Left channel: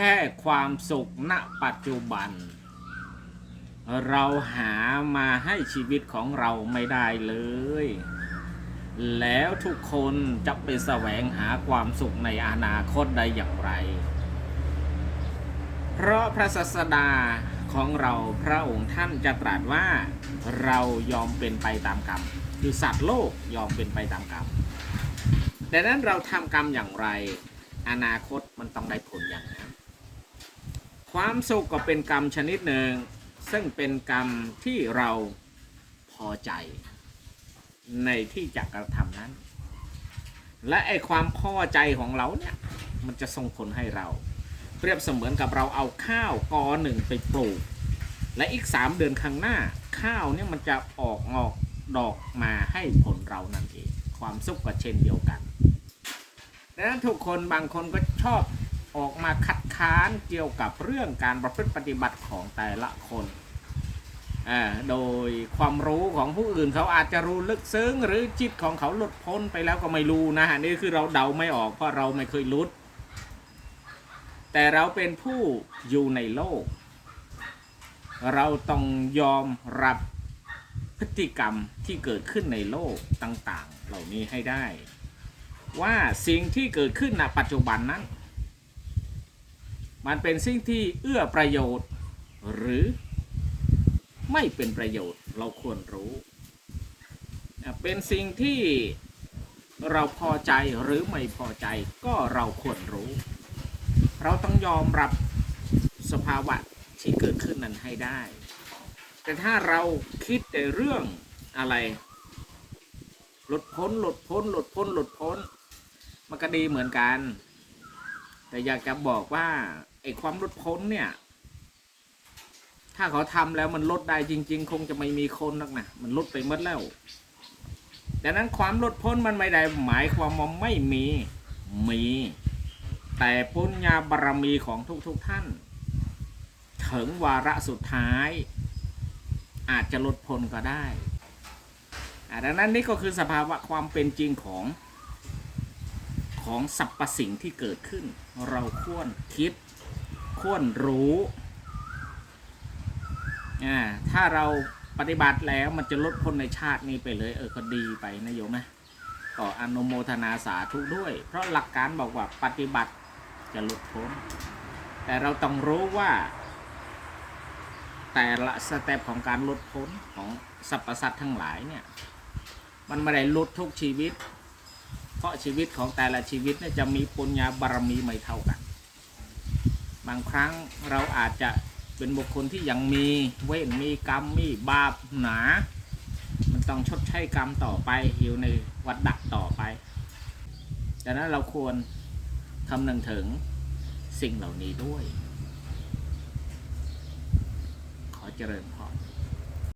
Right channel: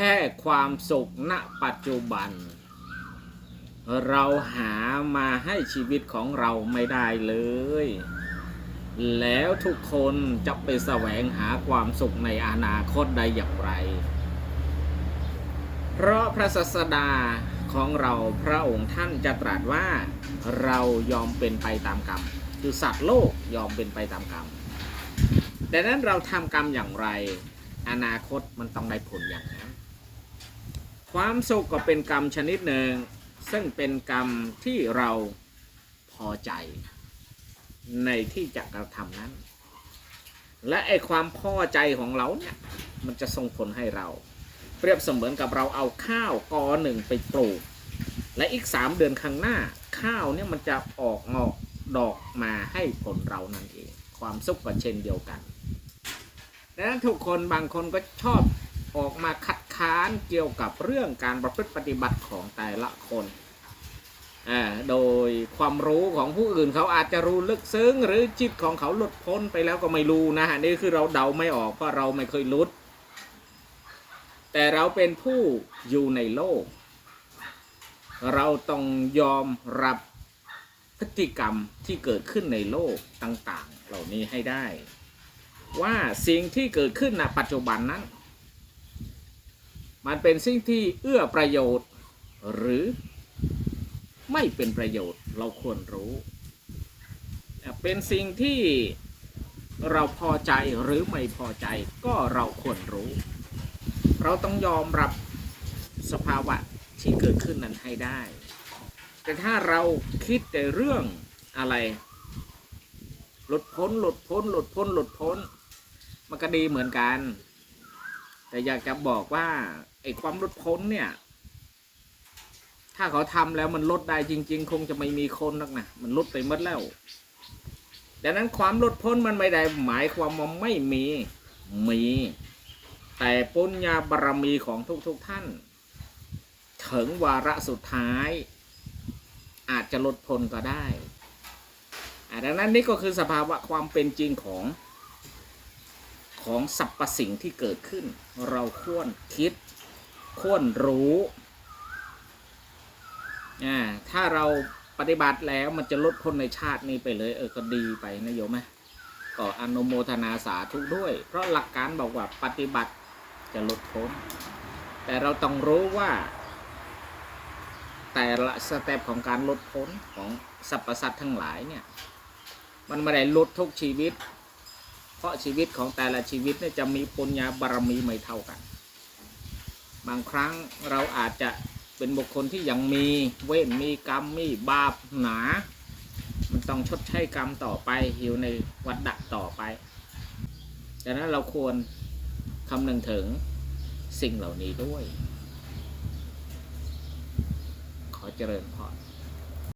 ค่ความสุขณปัจจุบัน เราหามาให้ชีวิตของเราไม่ได้เลย แล้วทุกคนจะไปแสวงหาความสุขในอนาคตได้อย่างไร เพราะพระศาสดาของเราพระองค์ท่านจะตรัสว่าเรายอมเป็นไปตามกรรม คือสัตว์โลกยอมเป็นไปตามกรรมดังนั้นเราทำกรรมอย่างไร อนาคตมันต้องได้ผลอย่างนั้น ความสุขก็เป็นกรรมชนิดหนึ่ง ซึ่งเป็นกรรมที่เราพอใจ ในที่จะกระทำนั้น และไอความพอใจของเราเนี่ยมันจะส่งผลให้เรา เปรียบเสมือนกับเราเอาข้าวกอหนึ่งไปปลูก และอีกสามเดือนข้างหน้า ข้าวเนี่ยมันจะออกงอกดอกมาให้ผลเรานั่นเอง ความสุขก็เช่นเดียวกันดังนั้นทุกคนบางคนก็ชอบ ออกมาคัดค้านเกี่ยวกับเรื่องการประพฤติปฏิบัติของแต่ละคนอ่าโดยความรู้ของผู้อื่นเขาอาจจะรู้ลึกซึ้ง หรือจิตของเขาหลุดพ้นไปแล้วก็ไม่รู้นะฮะนี่คือเราเดาไม่ออกเพราะเราไม่เคยหลุดแต่เราเป็นผู้อยู่ในโลก เราต้องยอมรับพฤติกรรมที่เกิดขึ้นในโลกต่าง ๆ เหล่านี้ให้ได้ ว่าสิ่งที่เกิดขึ้นณปัจจุบันนั้น มันเป็นสิ่งที่เอื้อประโยชน์ หรือไม่เป็นประโยชน์เราควรรู้ เป็นสิ่งที่เราพอใจหรือไม่พอใจก็เราควรรู้ เราต้องยอมรับสภาวะที่เกิดขึ้นนั้นให้ได้ แต่ถ้าเราคิดแต่เรื่องอะไร หลุดพ้นหลุดพ้นหลุดพ้นหลุดพ้นมันก็ดีเหมือนกัน แต่อยากจะบอกว่าไอ้ความลดพ้นเนี่ย ถ้าเขาทำแล้วมันลดได้จริง ๆ คงจะไม่มีคนนักนะมันลดไปหมดแล้วดังนั้นความลดพ้นมันไม่ได้หมายความว่าไม่มีมี แต่ปุญญาบารมีของทุกๆทท่าน ถึงวาระสุดท้าย อาจจะลดพ้นก็ได้ดังนั้นนี่ก็คือสภาวะความเป็นจริงของ ของสรรพสิ่งที่เกิดขึ้น เราควรคิดควรรู้อ่าถ้าเราปฏิบัติแล้วมันจะลดพ้นในชาตินี้ไปเลยเออก็ดีไปนะโยมไหมก็อนุโมทนาสาธุด้วย เพราะหลักการบอกว่าปฏิบัติจะลดพ้นแต่เราต้องรู้ว่า แต่ละสเต็ปของการลดพ้นของสรรพสัตว์ทั้งหลายเนี่ย มันไม่ได้ลดทุกชีวิต เพราะชีวิตของแต่ละชีวิตเนี่ยจะมีปุญญาบารมีไม่เท่ากัน บางครั้งเราอาจจะเป็นบุคคลที่ยังมีเวรมีกรรมมีบาปหนา มันต้องชดใช้กรรมต่อไปอยู่ในวัฏดักต่อไปดังนั้นเราควรคำนึงถึงสิ่งเหล่านี้ด้วย ขอเจริญพร